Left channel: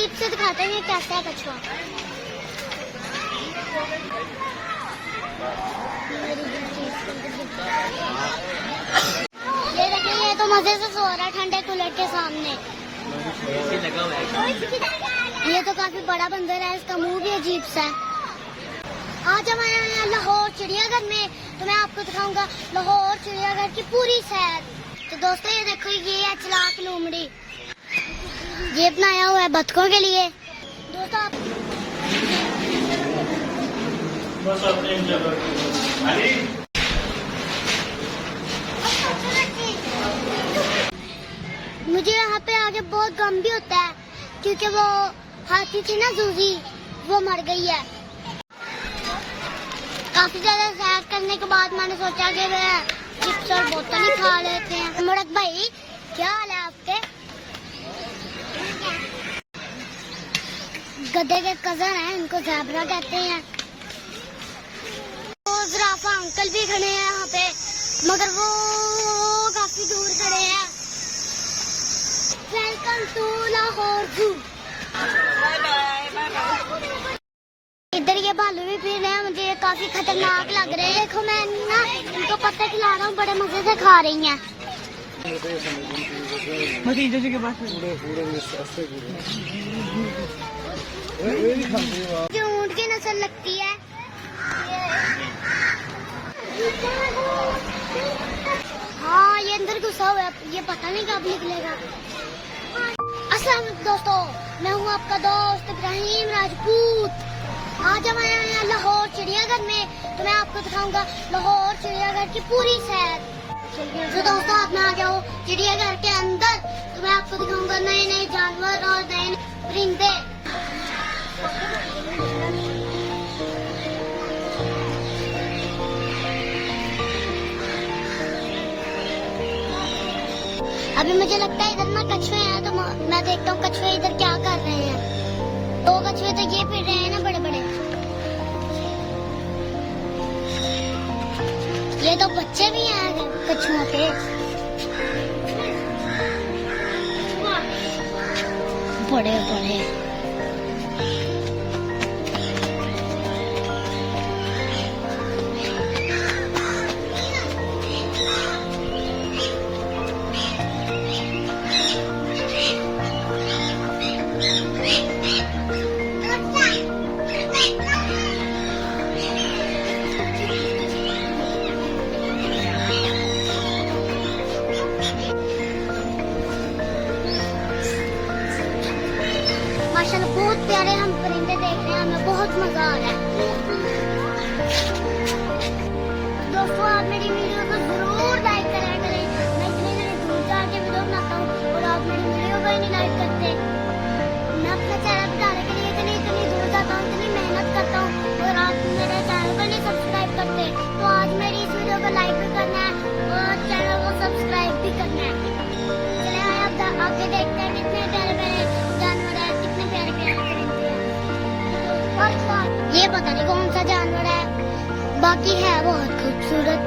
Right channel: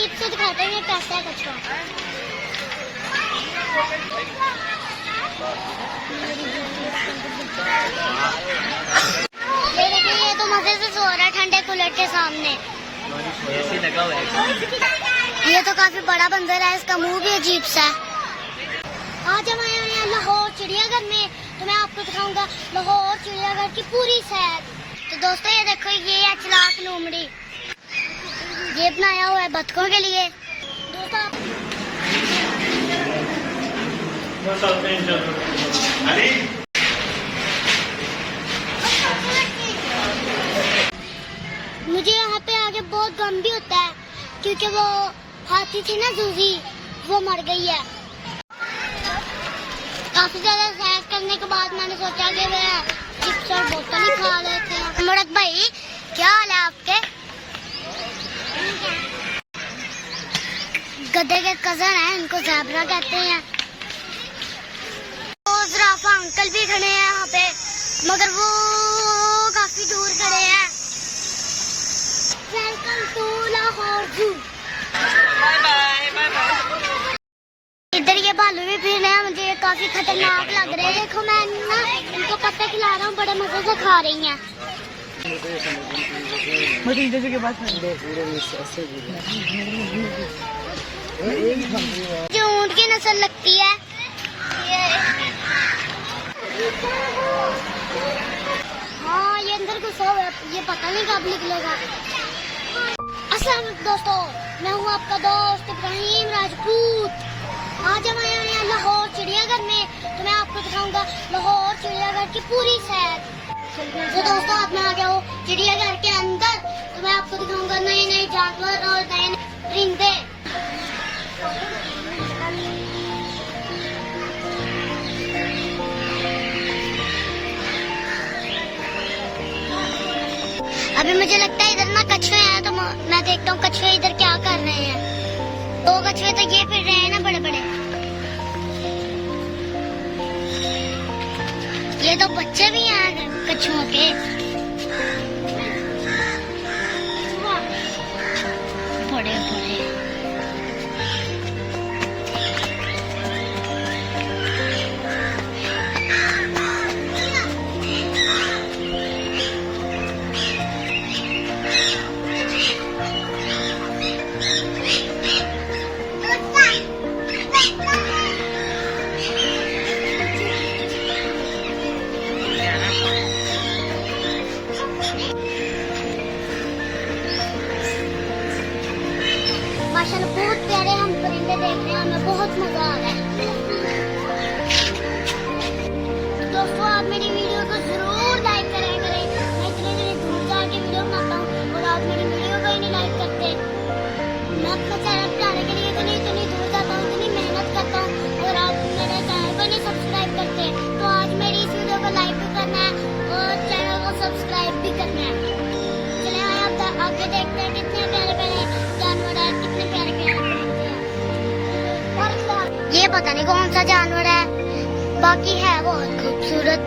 करीब से दिखाते हैं कैसा है कछुआ। ये देखिए, ये तो मजे से सो रहा है ठंडे कूलर के सामने। ये तो काफी बड़ा बंदर है, इसका मुंह भी अजीब सा है। आज हम आए हैं लाहौर चिड़ियाघर में, तो मैं आपको दिखाऊंगा लाहौर चिड़ियाघर की पूरी सैर। तो दोस्तों ये देखो, ये है चलाक लोमड़ी, ये बनाया हुआ है बतखों के लिए। दोस्तों आप मुझे यहाँ पे आगे बहुत गम भी होता है, क्योंकि वो हाथी थी ना जूजी, वो मर गई है। काफी ज्यादा सैर करने के बाद मैंने सोचा कि मैं चिप्स और बोतल ही खा लेते हैं। मुराद भाई, क्या हाल है आपके? गधे के कजन हैं, इनको ज़ेब्रा कहते हैं। तो ज़राफ़ा अंकल भी खड़े हैं यहाँ पे, मगर वो काफी दूर खड़े हैं। वेलकम टू लाहौर जू। इधर ये भालू भी फिर रहे हैं, मुझे ये काफी खतरनाक लग रहे हैं। देखो मैं ना इनको पत्ते खिला रहा हूँ, बड़े मजे से खा रही हैं। जो ऊँट की नस्ल लगती है, हाँ ये अंदर घुसा हुआ है, ये पता नहीं कब निकलेगा। अस्सलाम दोस्तों, मैं हूँ आपका दोस्त इब्राहिम राजपूत। आज हम आए हैं लाहौर चिड़ियाघर में, तो मैं आपको दिखाऊंगा लाहौर चिड़ियाघर की पूरी सैर। तो दोस्तों आप मैं आ गया हूँ चिड़ियाघर के अंदर, तो मैं आपको दिखाऊंगा नए नए जानवर और नए परिंदे। अभी मुझे लगता है इधर ना कछुए हैं, तो मैं देखता हूँ कछुए इधर क्या कर रहे हैं। दो कछुए तो ये फिर रहे हैं ना बड़े बड़े। ये तो बच्चे भी हैं कछुओं के, बड़े बड़े। माशाल्लाह बहुत प्यारे हम परिंदे देख रहे हैं, हमें बहुत मजा आ रहा है। दोस्तों आप मेरी वीडियो को जरूर लाइक करें। मैं इतने दूर जाके वीडियो बनाता हूँ और आप मेरी वीडियो को ही नहीं लाइक करते। मैं अपना चैनल बनाने के लिए इतनी दूर जाता हूँ, इतनी मेहनत करता हूँ, और आप मेरे चैनल को नहीं सब्सक्राइब करते। तो आज मेरी इस वीडियो को लाइक भी करना है और चैनल को सब्सक्राइब भी करना है। चले आप आगे देखते हैं कितने प्यारे प्यारे जानवर है, कितने प्यारे प्यारे परिंदे हैं। ये पता नहीं कौन सा जानवर है, बाकी है बहुत खूबसूरत।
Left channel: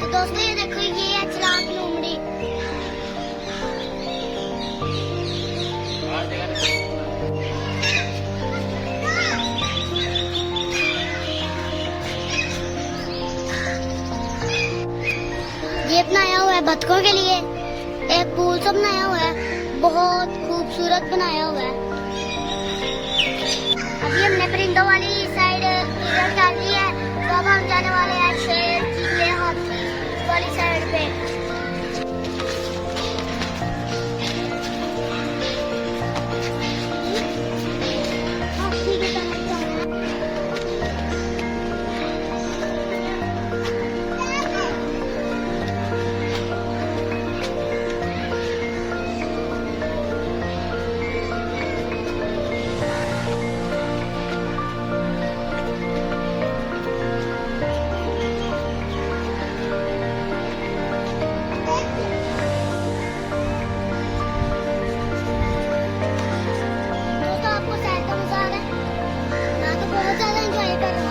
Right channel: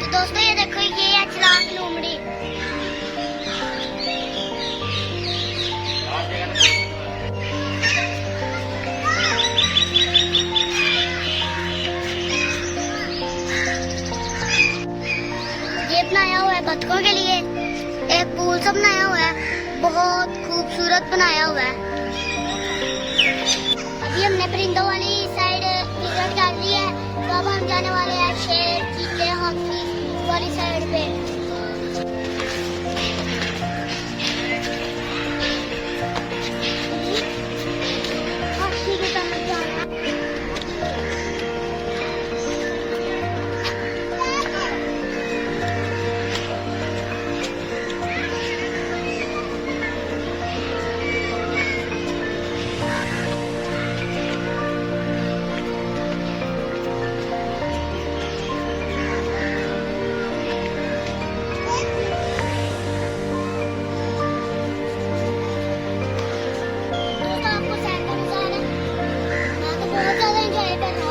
तो दोस्तों ये देखो, ये है चलाक लोमड़ी। ये बनाया हुआ है बतखों के लिए, एक पूल सा बनाया हुआ है, बहुत खूबसूरत बनाया हुआ है। अभी हमने परिंदों वाली साइड इधर डाल दी है, तो अब हम जाने वाले हैं शेर, चीते, हाथी वाली साइड पे।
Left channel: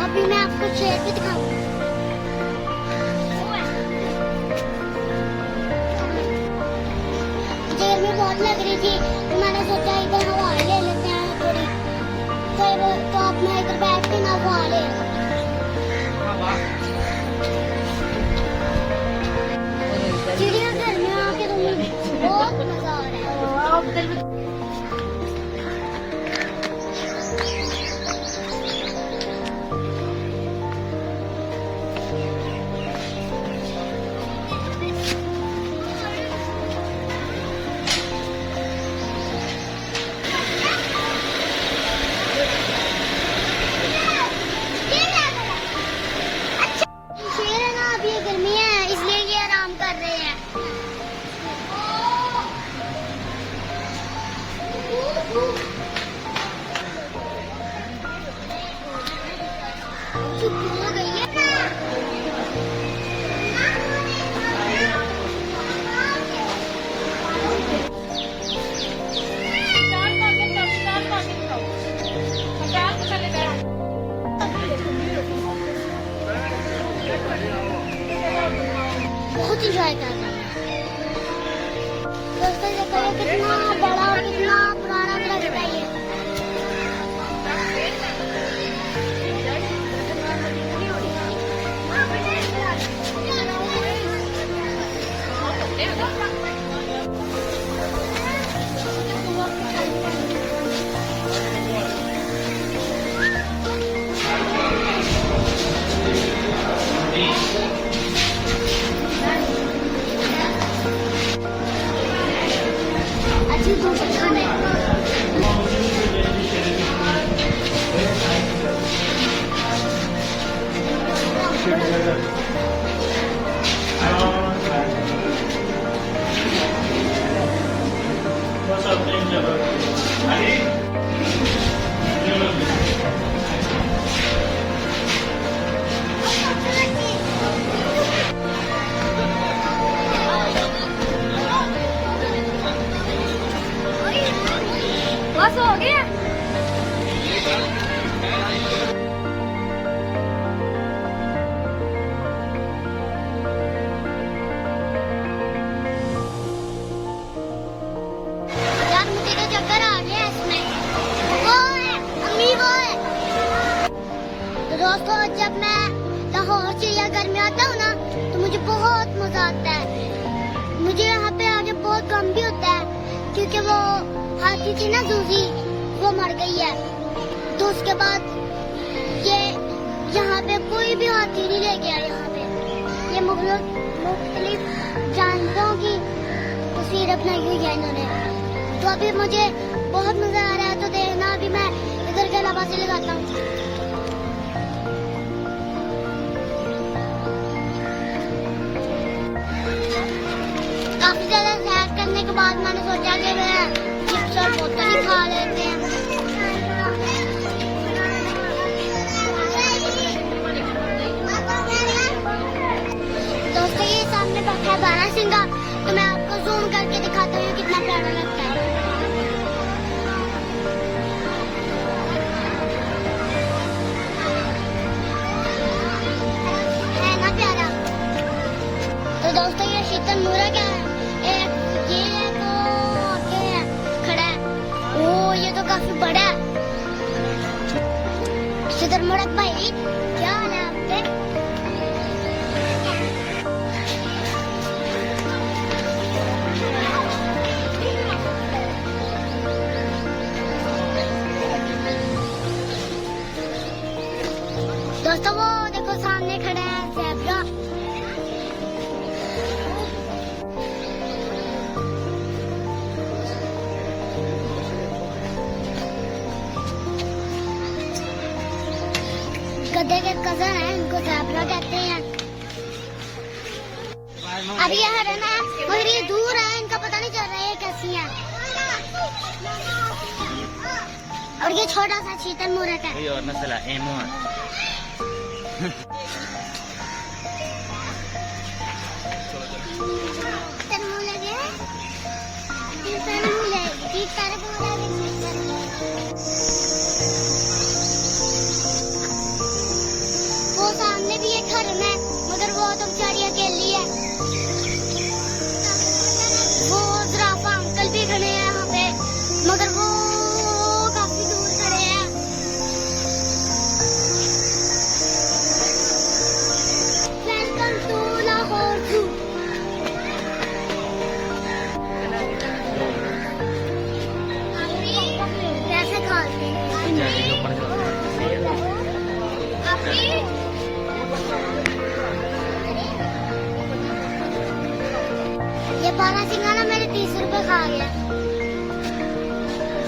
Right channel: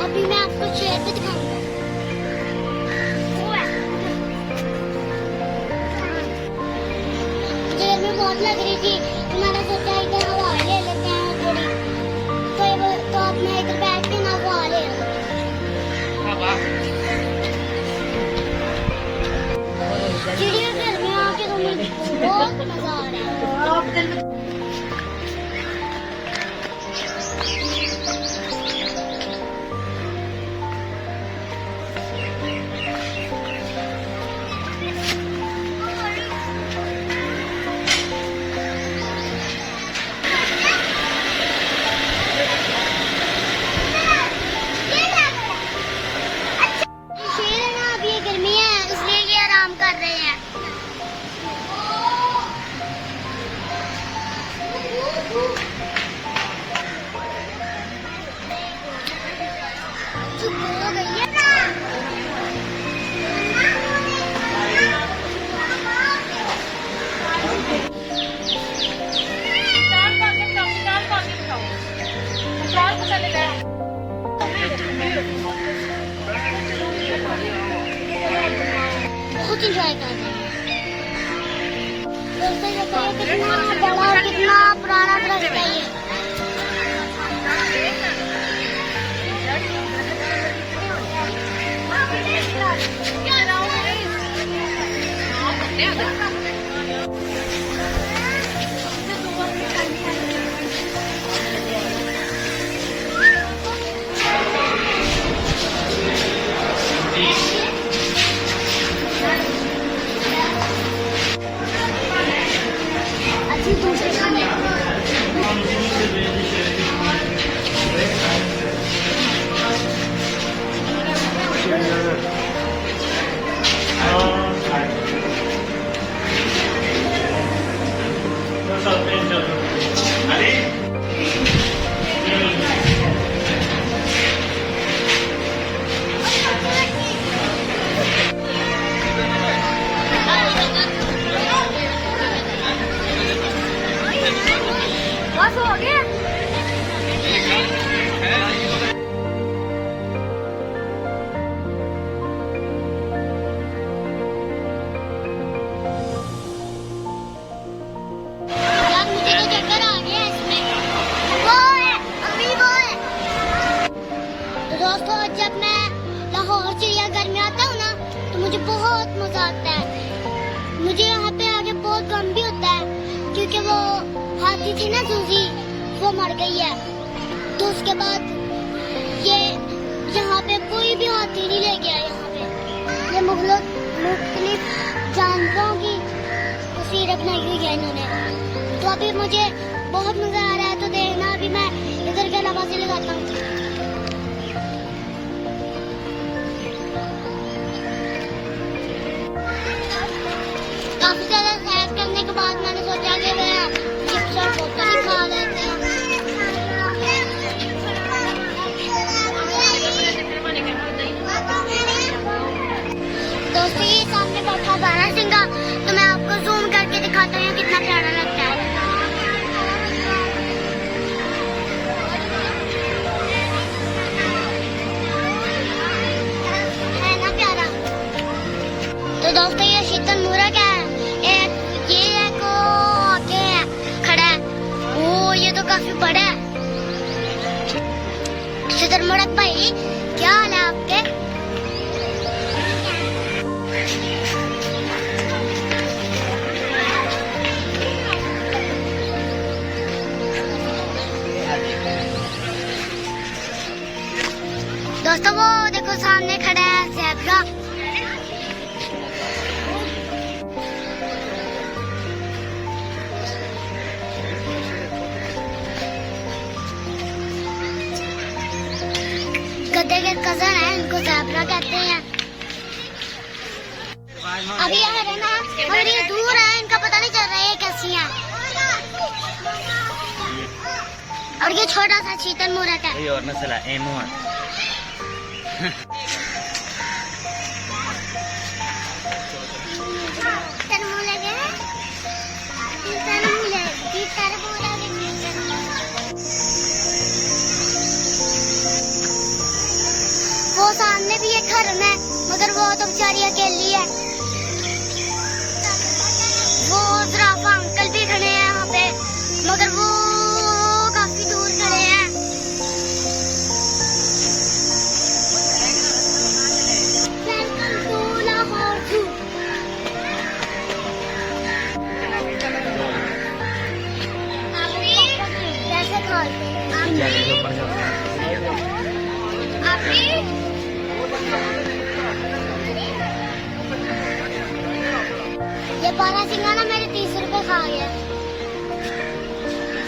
अभी मैं आपको शेर भी दिखाऊंगा। गर्मी बहुत लग रही थी तो मैंने सोचा इधर हवा ले लेते हैं थोड़ी। तो अब मैं इधर बैठ के ना हवा ले रहा हूँ। चिड़ियाघर में आके तो मुझे बहुत मजा आ रहा है। गर्मी है इसलिए ये आराम कर रहे हैं। बहुत इंजॉय कर रहे हैं। दोस्तों देखो ये कितना बड़ा कितना पुराना रास्ता है ये। दोस्तों जब मैं लाहौर चिड़ियाघर में आता हूँ ना तो मुझे बहुत मजा आता है। मुझे यहाँ पे आके बहुत गम भी होता है क्योंकि वो हाथी थी ना जूजी वो मर गई है। तो उसके बाद ये यहाँ पे कोई भी हाथी नहीं ले गया। यहाँ पे ये मुख्तलिफ जानवरों की तस्वीर बनाई हुई है इन्होंने। तो अभी मुझे बहुत मजा आ रहा है। तो देखना अभी मैं इधर के अलावा से लगाता हूँ। काफी ज्यादा सैर करने के बाद मैंने सोचा कि मैं चिप्स और बोतल ही खा लेते हैं। दोस्तों ये सामने बैठा है सिंगा तो मैं आपको जूम करके दिखाता हूँ कितना प्यारा लगता है। है ना प्यारा। तो दोस्तों ये शीतल मुर्ग है। ये एक आगे खड़ा है। ओ ये तो काफी बड़ा है। शीतल मुर्ग भाई क्या हाल है आपके? दोस्तों वो देखो सामने खड़ा है ज़ेब्रा। गधे के कजन है इनको ज़ेब्रा कहते हैं। अभी यह है ना पूरी दूर है इनका पता नहीं चल रहा है ये कैसी है। और ये छोटा सा शीतल मुर्ग है। और मसला एनू है। वो सामने भी एक घर है मगर वो तो बेचारी अकेली है। वो ज़राफ़ा अंकल भी ये बारहसिंगा ना मेरे 30 रुपए खा गया।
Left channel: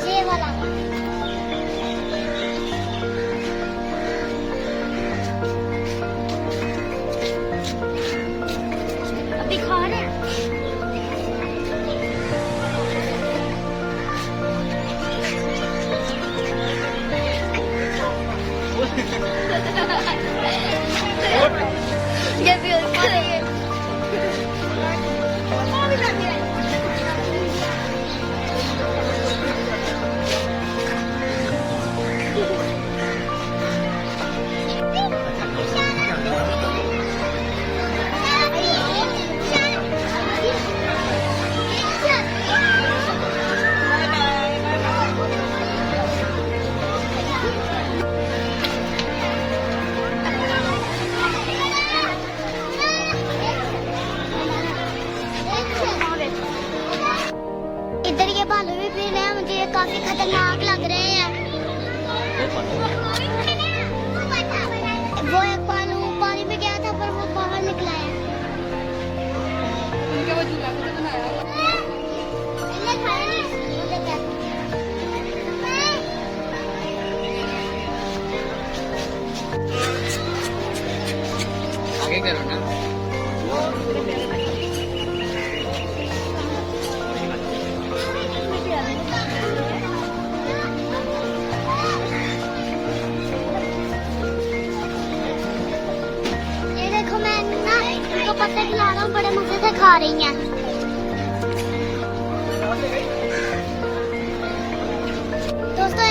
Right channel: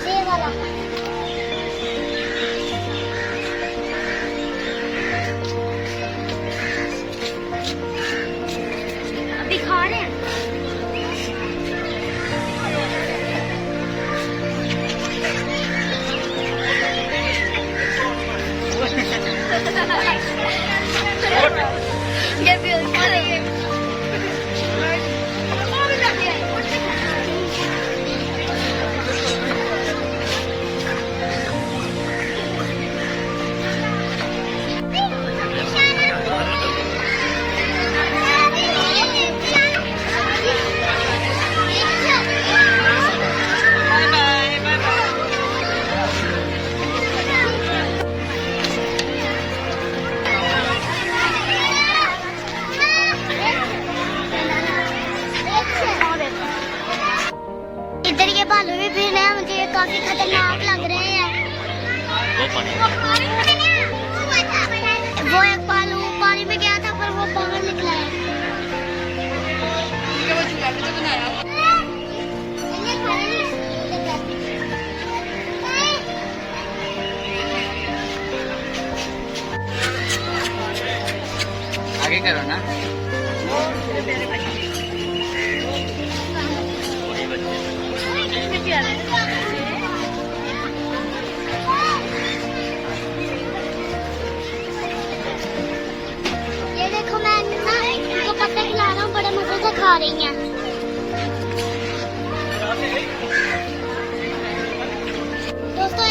ये वाला अभी खा रहे हैं। ये भी अच्छा है। इधर ये भालू भी फिर रहे हैं, मुझे ये काफी खतरनाक लग रहे हैं। वो एक भालू पानी में गया था पर वो बाहर निकला है। आगे करो ना। ये देखो मैं ना इनको पत्ते खिला रहा हूँ, बड़े मजे से खा रही हैं। दोस्तों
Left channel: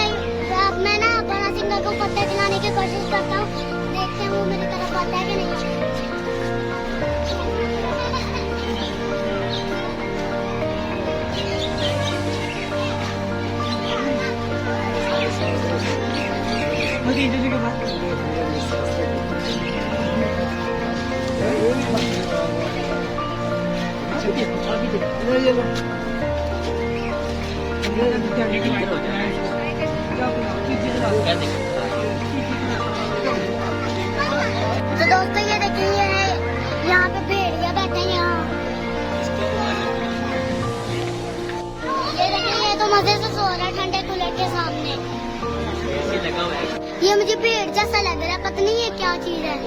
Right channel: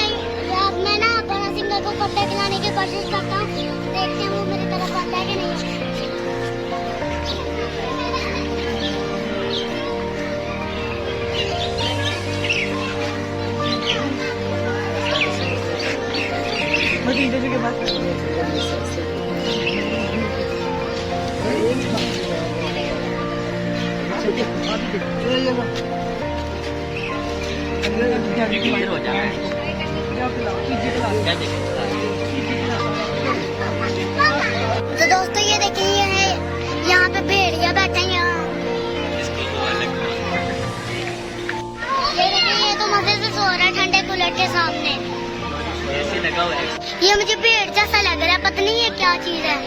अब मैं ना बारहसिंगा को पत्ते खिलाने की कोशिश करता हूँ, देखते हैं वो मेरी तरफ आता है कि नहीं। तो दोस्तों ये देखिए, ये है यहाँ पे भेड़िया बैठे हैं यहाँ। ये देखिए, ये तो मजे से सो रहा है ठंडे कूलर के सामने। ये मुझे भेड़ जैसा लग रहा है, पता नहीं ये क्या चीज है।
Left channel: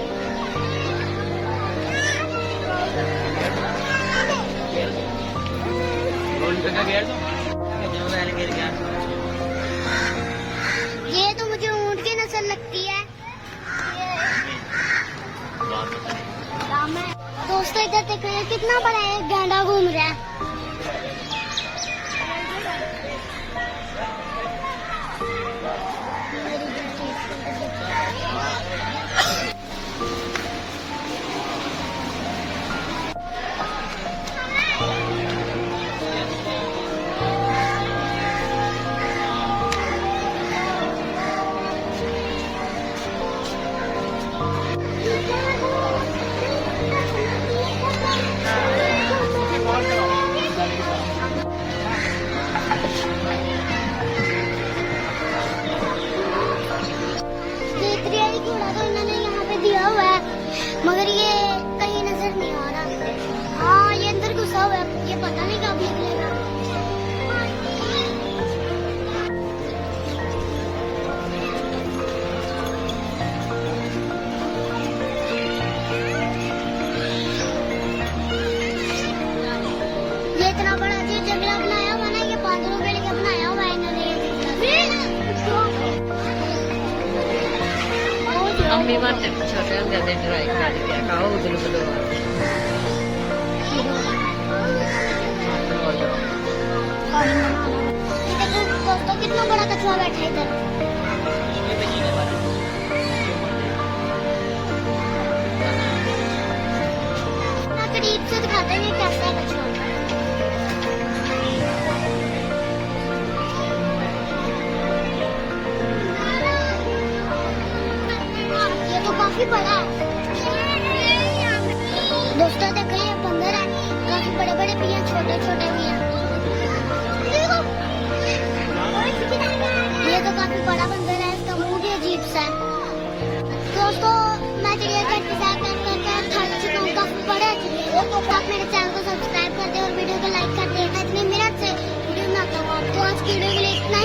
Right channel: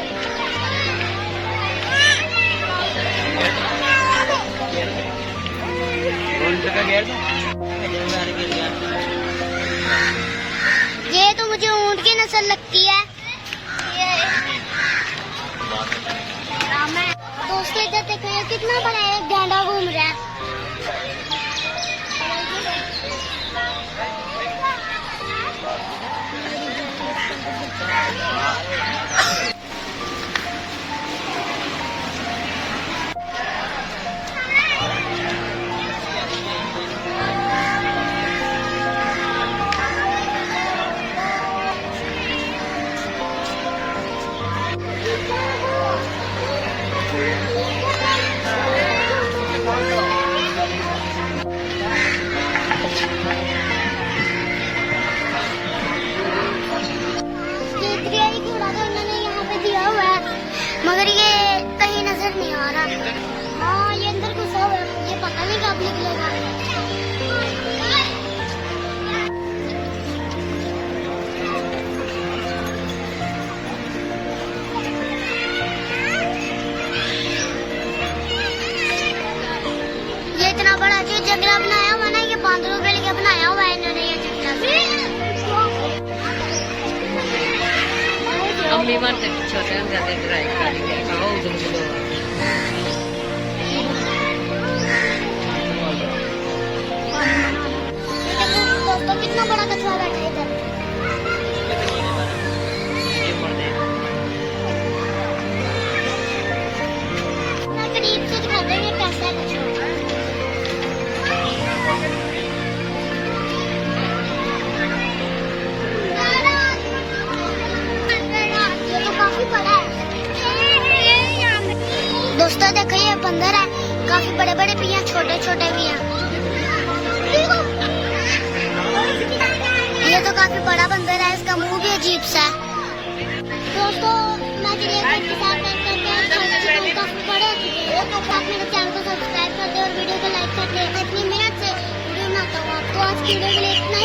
ये तो मुझे ऊंट की नस्ल लगती है। दोस्तों इधर देखो, ये कितना बड़ा है, गांडा घूम रहा है। मगर ये कहीं नजर नहीं आ रहा। हाँ ये अंदर घुसा हुआ है, ये पता नहीं कब निकलेगा। ये इतना बड़ा जो जंगला बनाया हुआ ना, ये बांदरों के लिए बनाया हुआ है इन्होंने ये जंगला। अम्मी बार छोटे होंगे ट्राई कर कहा उधर चलो। दोस्तों कितना बड़ा कछुआ बैठा है इधर। करीब से दिखाते हैं कैसा है कछुआ। काफी बड़ा है। दोस्तों देखो ये बंदर है, काफी बड़े बड़े भी हैं, छोटे छोटे भी हैं। ये तो काफी बड़ा बंदर है, इसका मुंह भी अजीब सा है। दोस्तों मैं चिड़ियाघर के साथ करके थक चुका हूँ, काफी बड़े। आप मेरे चैनल को सब्सक्राइब कर दे और वीडियो को लाइक करते हैं। मैं इतने मेहनत से वीडियो बनाता हूँ। तो आज की वीडियो के लिए इतना ही।